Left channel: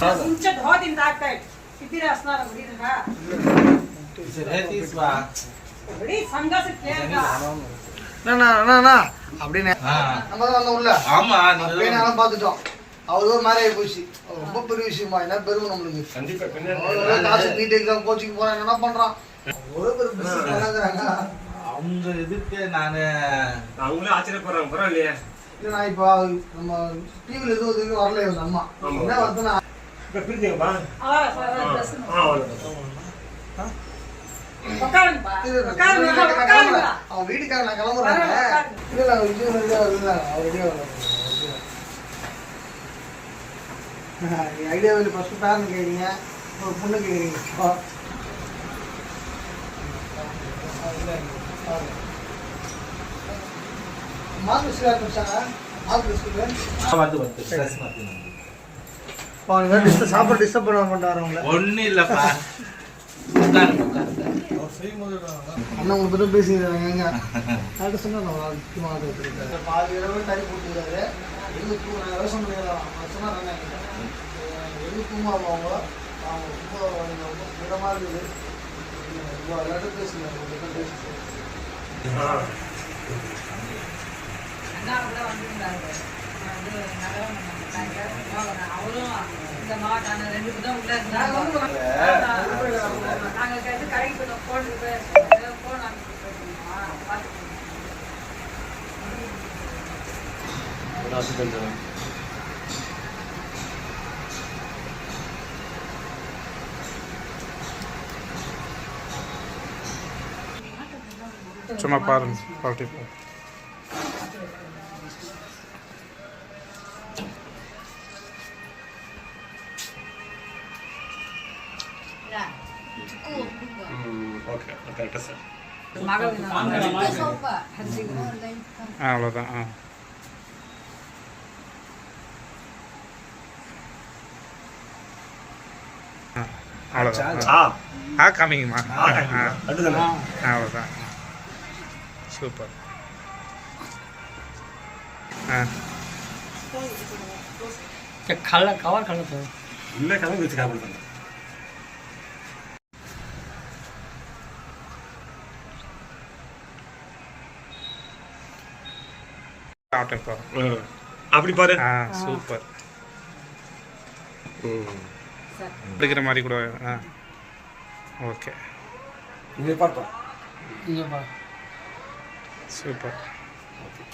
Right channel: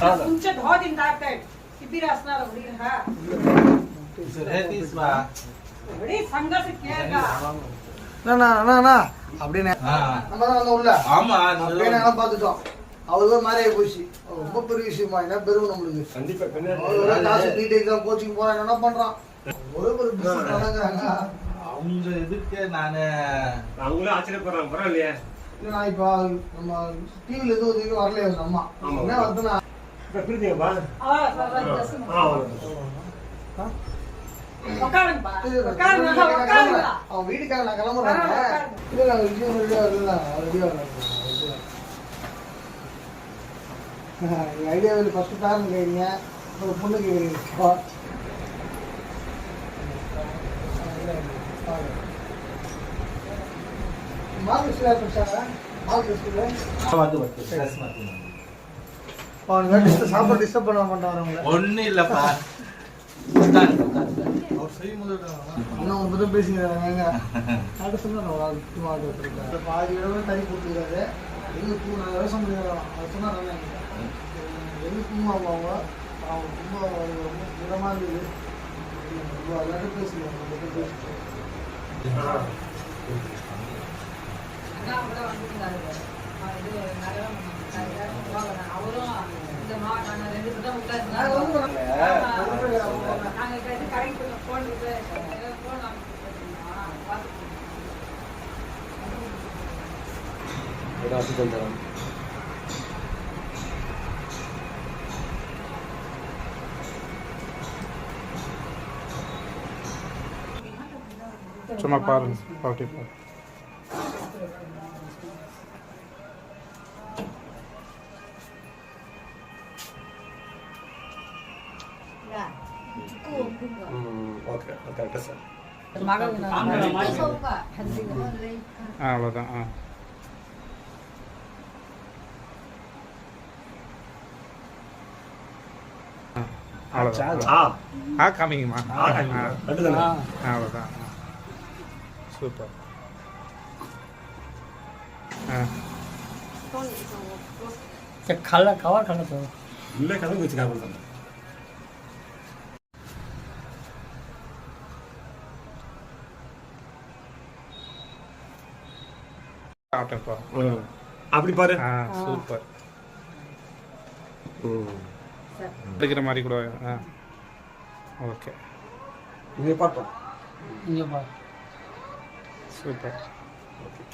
तुमचे 2 दिन दाखतायत किती रे असणार अगदी हा बड़ी संघर्ष केगा ना அப்படினே நம்ம தான் உள்ள ஆமா அப்படியே நான் பாத்துட்டோம் அவ்வளவு மாதிரி போச்சு ரொம்ப பெரிய விஷயமா என்ன பெரும் நம்மளுக்கு கண்டிப்பா பின்னாடி காசு நீட் எக்ஸாம் கோச்சிங் போறாங்க என்ன பண்றான் ஒரு பிசினஸ் நடக்குறாங்க அவங்க இதுக்கு நான் அவங்களே ஆச்சரியப்படுறாங்க பரவாயில்லையே இல்ல நான் இப்ப நம்ம டிவில எதுவும் வரல இவங்க அம்மா என்ன வந்து நான் இப்ப பிரிஞ்சீங்கப்பா அவன் வீட்டுக்காரன் நான் கிளம்புறாங்க ஐடியா வந்து ஃபர்ஸ்ட் பேரன் கேட்குறீங்க ஒரு பொண்ணு கேட்குறீங்க மார்க் சாப்பாடு டிஸ்டர்ப் பண்ண மாட்டாரு ஒன்னும் இல்லப்பா அவங்க பற்றி பேசிக்கிறாங்க அது சொன்னா பாதி இடத்துல தறி போட்டுக்கிறாரு வெளியே தூங்க விவசாயம் பண்ணிடலாம் அது சொன்னாங்க வெளியே தூங்குவாங்க அவங்க ரொம்ப இடமா இருக்குது எல்லாத்தையும் பேசிக்கிறாங்க அவரும் இந்த மாட்டான 2 பேரும் உள்ள இருந்தாங்க நாங்க கடைக்கு போன் சும்மா பாருங்க பார்ட்டி பாருங்க ஓகே கரெக்டா சார் அவ்வளோதான் அவ்வளோதான் காமிங்கம்மா அவ்வளோதான் சூப்பர் கவர் கல்ல சார் இல்லை கதை வச்சு காப்பல் பண்ண அப்படி பாரு சூப்பர் எடுக்கிற மாதிரி கூட ஓகே இங்கே பார்ப்பா இங்கே பா சூப்பர் ஓகே